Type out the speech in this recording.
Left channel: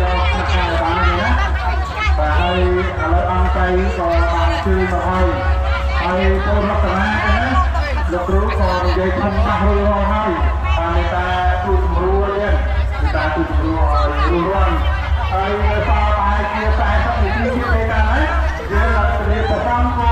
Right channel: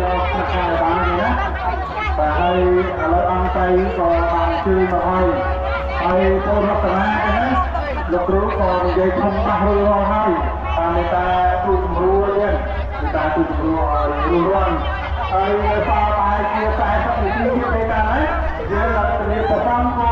យកខាងបានណាបាទហើយឥឡូវអង្គទៅក៏បានជួយមកហើយកូនរតនាណាលោកគ្រូក៏និយាយធំបាស់រួចរាល់ហើយតាមមេតាគ្រូជំរួលទៀតមេតាគ្រូជំរួលឲ្យរួចរាល់ហើយសល់តែជា40នាទីទៀតទេតាណាយើងឡើងទៅរៀបប្រសំគោ